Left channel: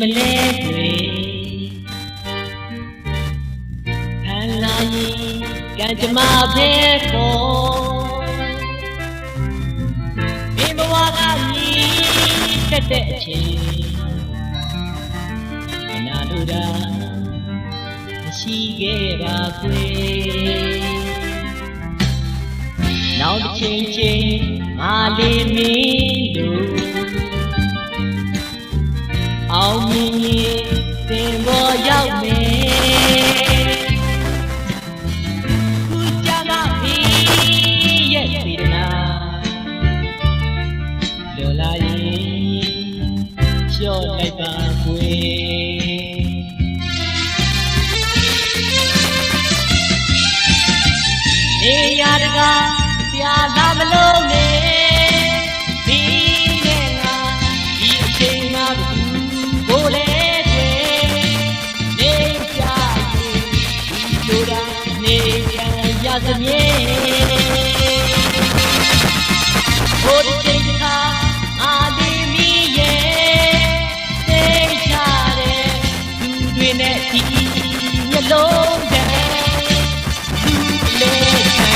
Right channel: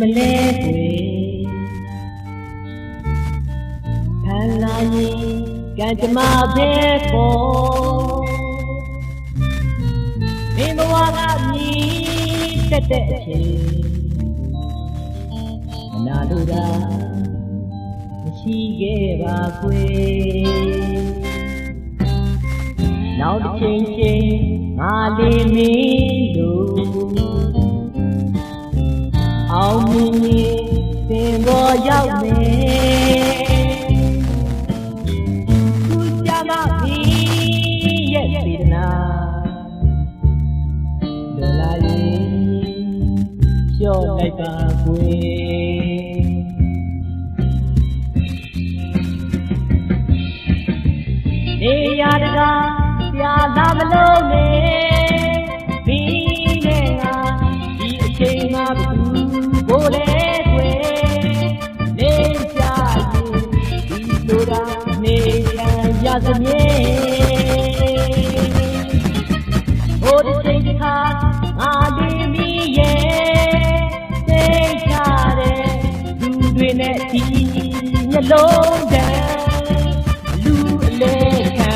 မလဲတွေဖန်လာရင်ကံကြမ္မာပဲခေါ်မင်းဘဝကမြည်တက်တဲ့အချိန်အနာလိုတာမရှိခဲ့ပါခွေနောက်တစ်ချိန်ချင်းမာလေးမင်းတို့အောင်မြင်ရင်သင်ပေါ်ရောက်မယ်ခုကြမှာဒီရဲ့စေတနာလွန်လာရင်လျှော့လိုက်ပါခွေနေရတကားပြာလာမလို့နဲ့ဒီနဲ့ငါဒီအချိန်မှာကိုယ်လေနေကြရင်ဒီလိုတာနေရသမြဲဟိုဒီချိန်တစ်ခါငါလေးမီရဲ့သိချတဲ့သူတွေနဲ့ဒီမျက်လုံးတည်းလူလေးခံ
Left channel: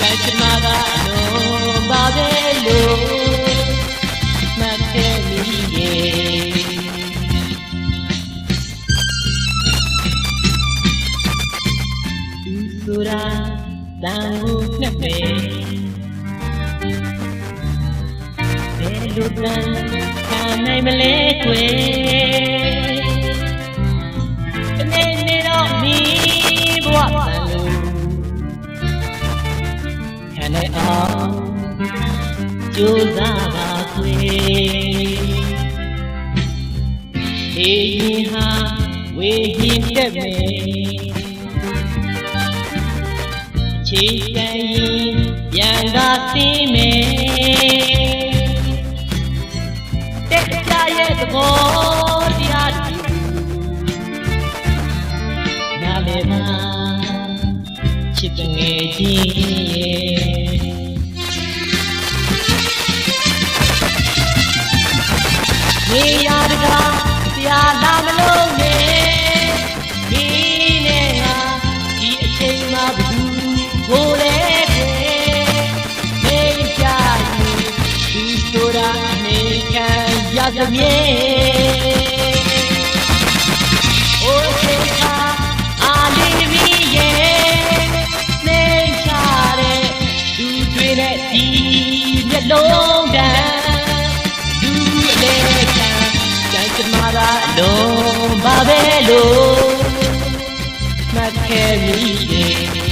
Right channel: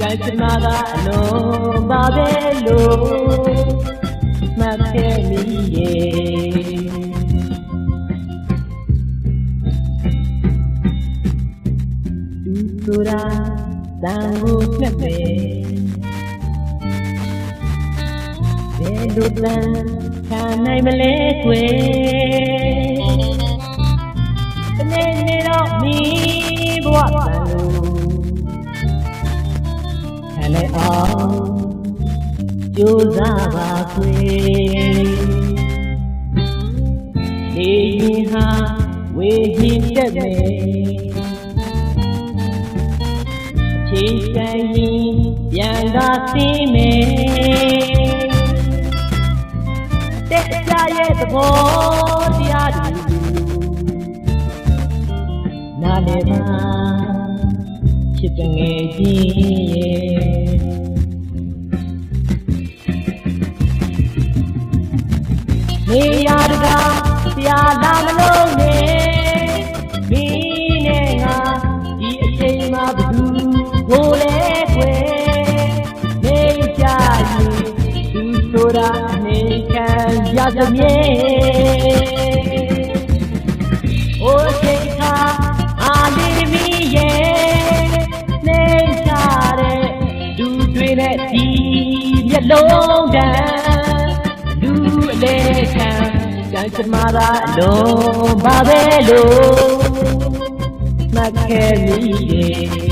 ကံကြမ္မာကအလုံးပါပဲလို့မှတ်ခဲ့မိရဲ့သူဆိုတာတန်ကိုနဲ့ပဲဘယ်လိုတန်ခံနိုင်မလဲကွယ်တနေ့နေ့တော့မိဘဝတန်လို့ခံနိုင်အောင်ကြိုးစားပါခွေနေရင်ဟာဝေဟင်တက်မယ်အချိန်တန်ရင်ပြန်သာသိမယ်တက်ကြရဲ့သဘောတရားတွေကိုနားလည်ပါချစ်တငယ်ချင်းရဲ့နေရတကားပြာလာမလို့နဲ့ဒီနဲ့ငါဒီအချိန်မှာဘယ်သူကိုလဲခွေနေကြရင်ဒီဆိုတာအနေခံရသမြဲโอเคค่ะအာလီမီရဲ့နေကြတဲ့သူတွေနဲ့ဒီမျက်လုံးတန်းလူလေးခံကံကြမ္မာပါလုံးပါပဲလို့မှတ်ခဲ့မိရဲ့